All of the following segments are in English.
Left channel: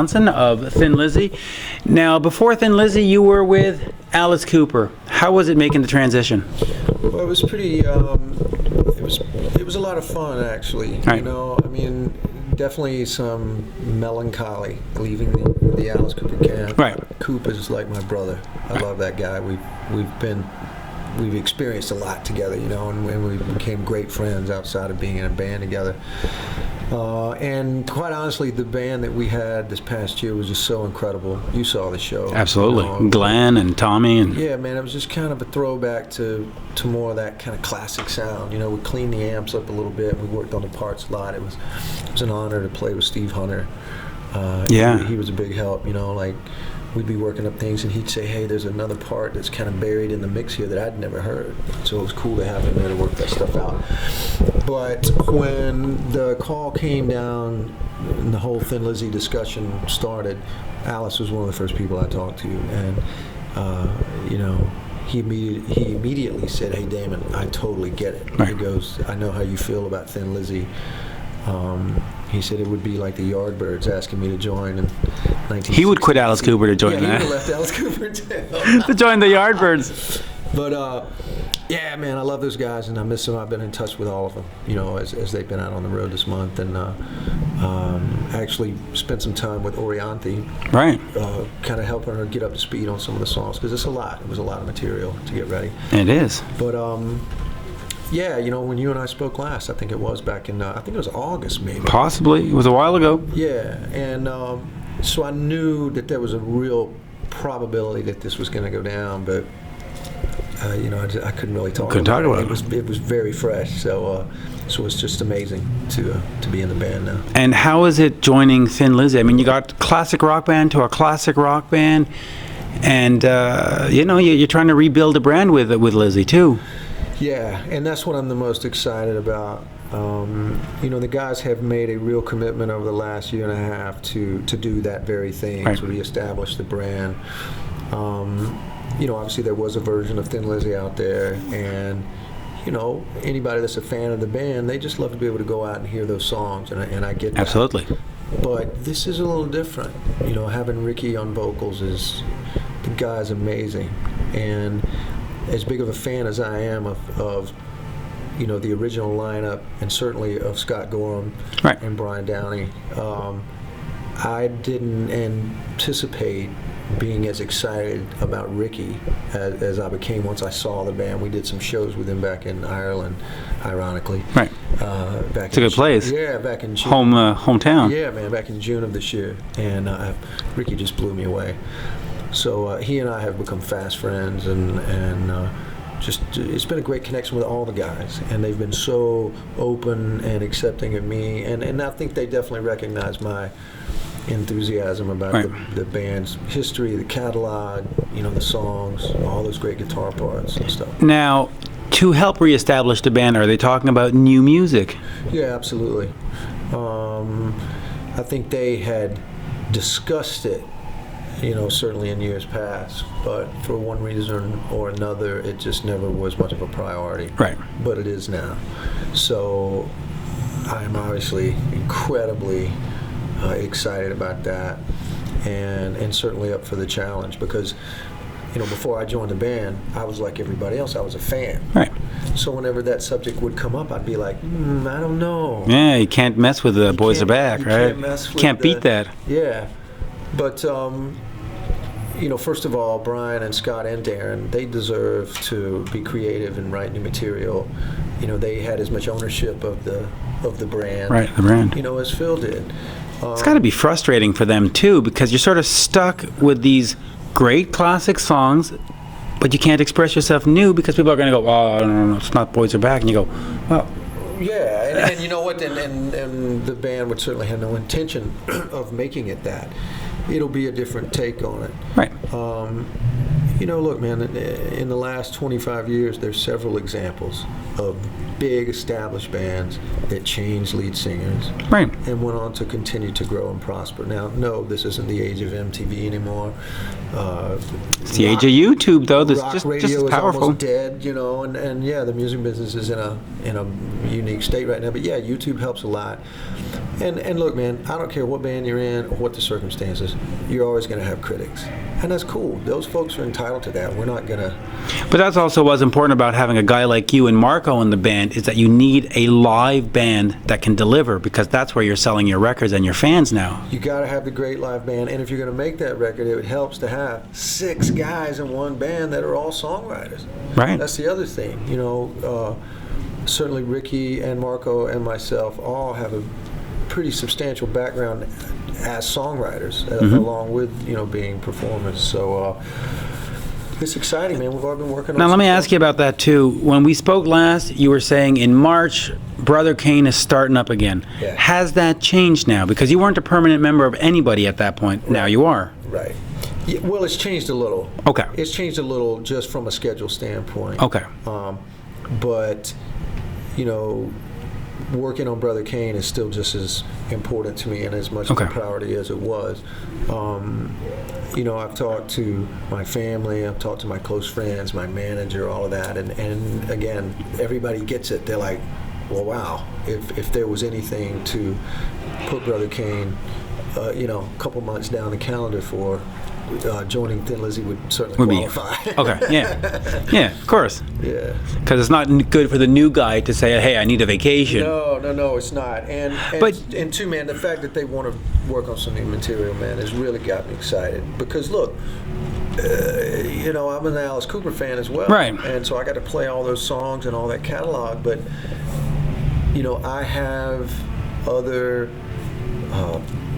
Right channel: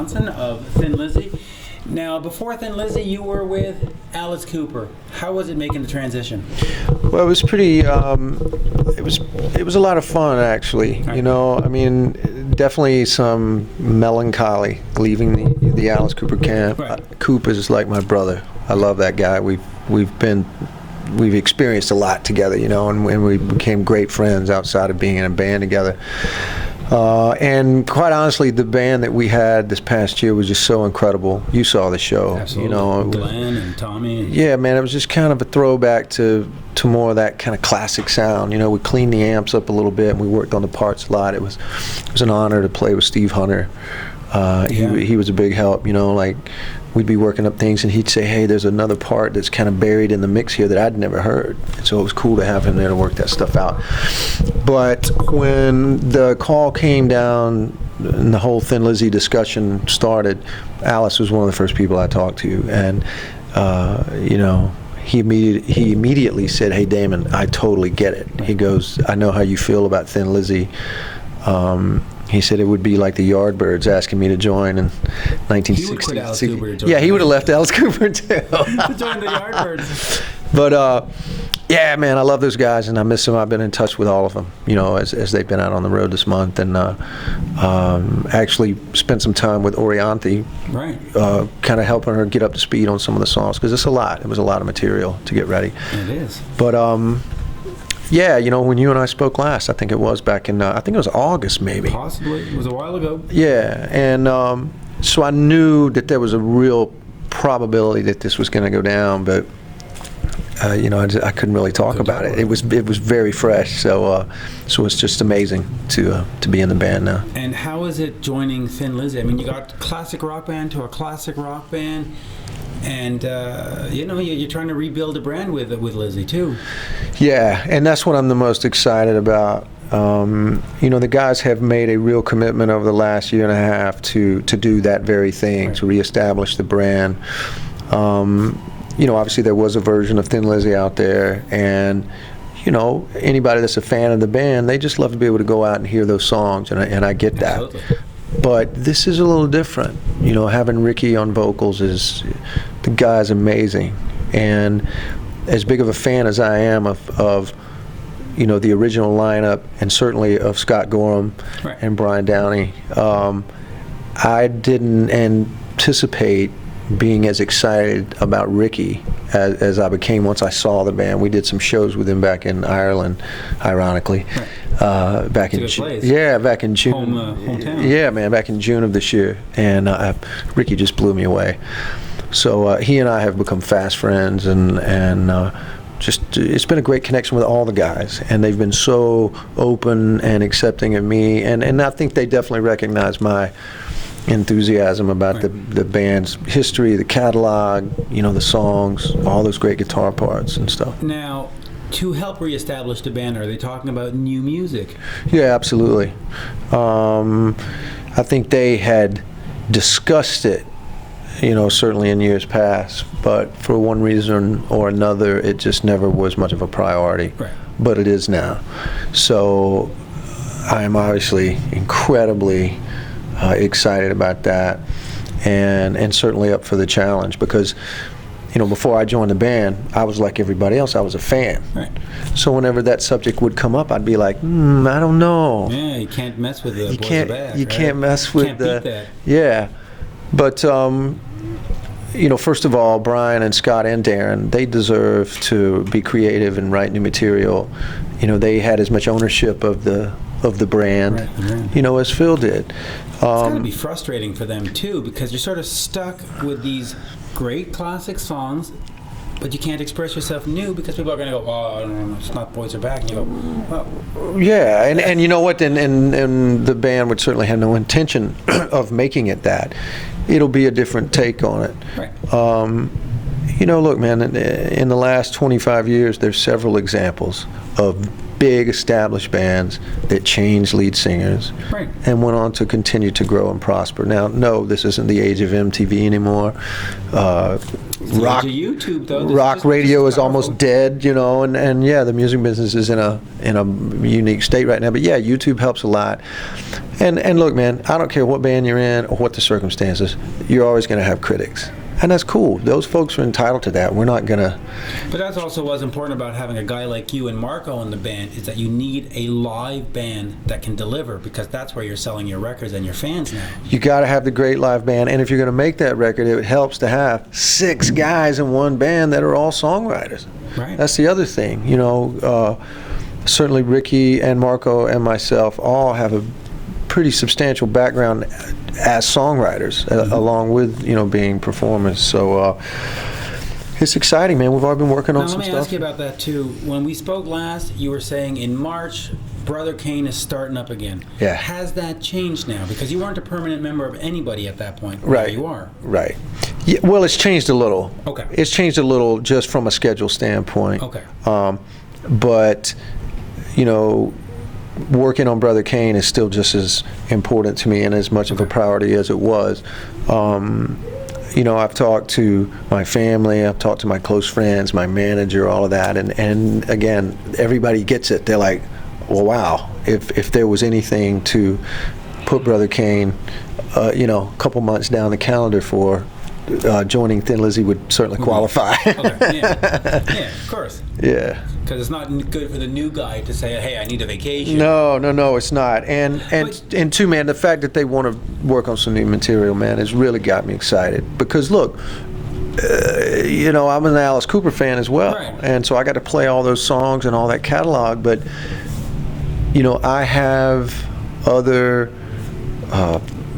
Johnson of Thin Lizzy. Now, before Thin Lizzy, you were with Alice Cooper. How was it making the transition? Well, it was pretty. It was a lot of fun, actually. Right. You know, I mean, definitely some melancholy leaving the Alice Cooper camp. Right. Coop is like my brother. I love that guy. We've experienced a lot together, you know, and we became great friends outside of being in a band together. And quite honestly, the band that we had this past year was just so incredible. You saw the show. Absolutely. You know, Glenn and Tommy. And yeah, man, it was just kind of a throwback to more of that kind of classic sound. You know, we cleaned the amps up a little bit, and we worked on the parts a lot. It was an honor to play with Steve Hunter. Yeah. He was a big help, you know, like we'd be working up things and he'd say, hey, there's another part that's kind of buried in the mix here that I'd never heard. And so it was cool to have him there to work that stuff out. But when the call came down and the whole Thin Lizzy discussion started, Alice was one of the first people I talked to. And, you know, he immediately said, hey, Damon, I totally get it. Right. He goes, I know how you feel about Thin Lizzy. He said it would be like the Yardbirds asking me to join in 1960. he would quit Alice Cooper to join. Yeah, he that. would have left Alice Cooper too. To join the Yardbirds. But yeah, man, I love those guys and I miss them. I've been in touch with all of them, you know, as they've been out on the road this month, and actually spent some time with Orianthi, Right. kind of helping her get up to speed on some of the songs because it's a lot. It was a lot of material to get ready. It is. But yeah, you know, when you and I spoke last, I think it was back in, I think it was August maybe. Possibly. It was a while ago. Yeah, and so I knew that there was a real probability that this was going to go down, but you know, I couldn't really talk about it. It was very fresh, so it's just amazing to be in the band now. And how is it joining Thin Lizzy? I mean, you got classic rock band to a classic rock band, and you know, you're trying to rebuild a brand with Lizzy too. Yeah, and that's what I'm the most excited about. You know, the guys have made a real commitment over the last year and a half to do that very thing, Right. to reestablish the brand. You know, obviously there was a version of Thin Lizzy out there, and you know, anybody that's a fan of the band, they just love to be able to go out and hear those songs, and I get that. Absolutely. But this is a little different. You know, having Ricky on vocals the guy's amazing, and as big of a fan as I am of you know, the original lineup, and certainly of Scott Gorham Right. and Brian Downey, I didn't anticipate being as excited about Ricky as I became once I saw the band. We did some shows with him back in Ireland, ironically. Right. Back It's a good place. Yeah, back in June. Hometown. Yeah, man, back in June of this year, and Ricky just blew me away. So he and I have become fast friends, and just it's been a great connection with all the guys, and they've been so open and accepting of me, and I think they definitely recognize my enthusiasm about Right. the band's history, the catalog, you know, the songs, all those great guitar parts and stuff. Now, to help reestablish the band, are they talking about new music? Yeah, absolutely. I think they had discussed it, you know, certainly in years past, but for one reason or another, it just never was much of a priority. Right. But it is now. So I am obviously incredibly excited about that, and certainly up for the challenge, because, you know, before I joined the band, I was like everybody else. I was a fan. Right. So whenever that subject would come up, I'd be like, I don't know. Yeah, you can't mess with the boys are back, You right? can't mess with Can't beat that. Yeah. But, you know, first of all, Brian and Scott and Darren, they deserve to be creative and write new material. You know, they had as much ownership of the brand, Right, the brand. you know, as Phil did. It's got to be frustrating for them too, because you're sort of stuck with these great classic songs, but you can't express yourself new because people are going to go, oh, no, it's not Boys Are Back, and you go, well, Yeah, and you know what, and the band would certainly have no intention of making it that. It'll be a different take on it. right. You know, look, man, in the last 25 years, there's several examples of big established bands that changed lead singers, Right. and went on to continue to grow and prosper. Now, no, this isn't the age of MTV anymore. It's the age of YouTube, though. This Rock just radio is powerful. almost dead, you know, and yeah, the music business is in a unique state right now. But yeah, YouTube helps a lot. And look, man, I don't care what band you're in or what the circumstances, you're always going to have critics. And that's cool. Those folks are entitled to that. We're not going to... But that's also what's important about having a guy like you and Marco in the band, is that you need a live band that can deliver, because that's where you're selling your records and your fans now. You got to have the great live band. And if you're going to make that record, it helps to have 6 guys in one band that are all songwriters. Right. That's the other thing. You know, certainly Ricky and Marco and myself all have a pretty substantial background as songwriters, along with, you know, being performers. So it's exciting, man. We've all been working on. Now let me stuff. ask you about that too. When we spoke last, you were saying in March, Brother Cane is starting up again. Yeah. Has that changed now? Because you weren't a permanent member of anybody at that point. Now Right. you are. Right. Yeah, well, it's changed a little. Okay. It's changed a little just from a schedule standpoint. Okay. But, you know, working on Brother Cane is still just as important to me and as much of a Okay. priority as it was. You know, I've talked to my family, I've talked to my close friends, my manager, all of that, and again, everybody gets it. They're like, well, wow, if there was anything to put Brother Cane, you know, a couple months down the calendar for, joining Thin Lizzy would certainly qualify. Okay, yeah. Yeah, of course. Yeah. Because it's not good for the new guy to say, hey, I need a vacation. No, it's not. And But- two, man, the fact that they want to work on some new material, man, has really got me excited. Because look, you know, I'm an Alice Cooper fan as well. Right. And so I got to play all those songs and all that catalog. But, you know, I have other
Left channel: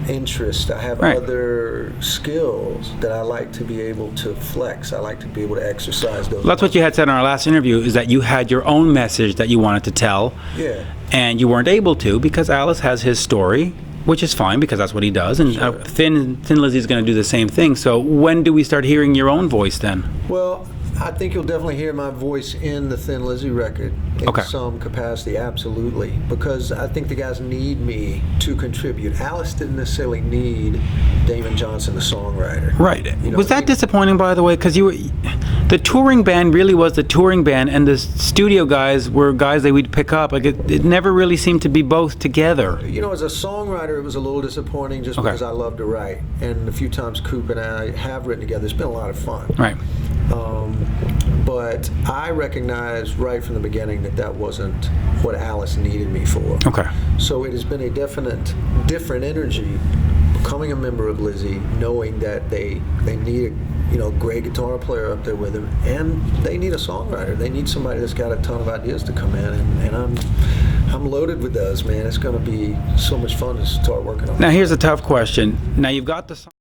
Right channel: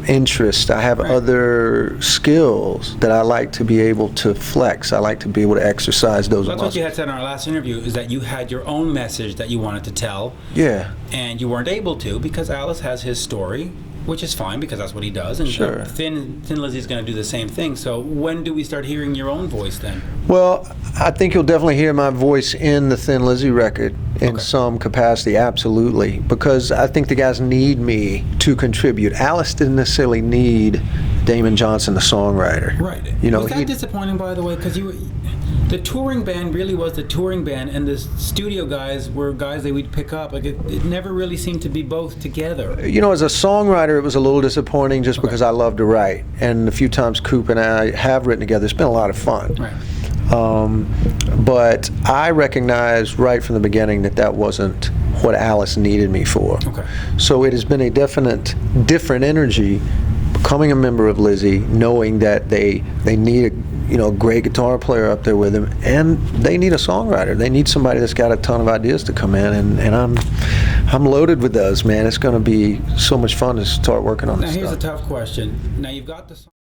interests. I have Right. other skills that I like to be able to flex. I like to be able to exercise those. Well, that's what you had said in our last interview, is that you had your own message that you wanted to tell. Yeah. And you weren't able to because Alice has his story, which is fine because that's what he does. And Sure. Thin Lizzy's going to do the same thing. So when do we start hearing your own voice then? Well, I think you'll definitely hear my voice in the Thin Lizzy record in Okay. some capacity, absolutely, because I think the guys need me to contribute. Alice didn't necessarily need Damon Johnson, the songwriter. Right. You know, was that disappointing, by the way? Because the touring band really was the touring band, and the studio guys were guys that we'd pick up. Like it never really seemed to be both together. You know, as a songwriter, it was a little disappointing just Okay. because I love to write. And a few times Coop and I have written together. It's been a lot of fun. Right. But I recognized right from the beginning that that wasn't what Alice needed me for. Okay. So it has been a definite different energy becoming a member of Lizzy, knowing that they need a great guitar player up there with them, and they need a songwriter. They need somebody that's got a ton of ideas to come in, and I'm loaded with those, man. It's going to be so much fun to start working on. Now this here's a stuff. tough question. Now you've got the song.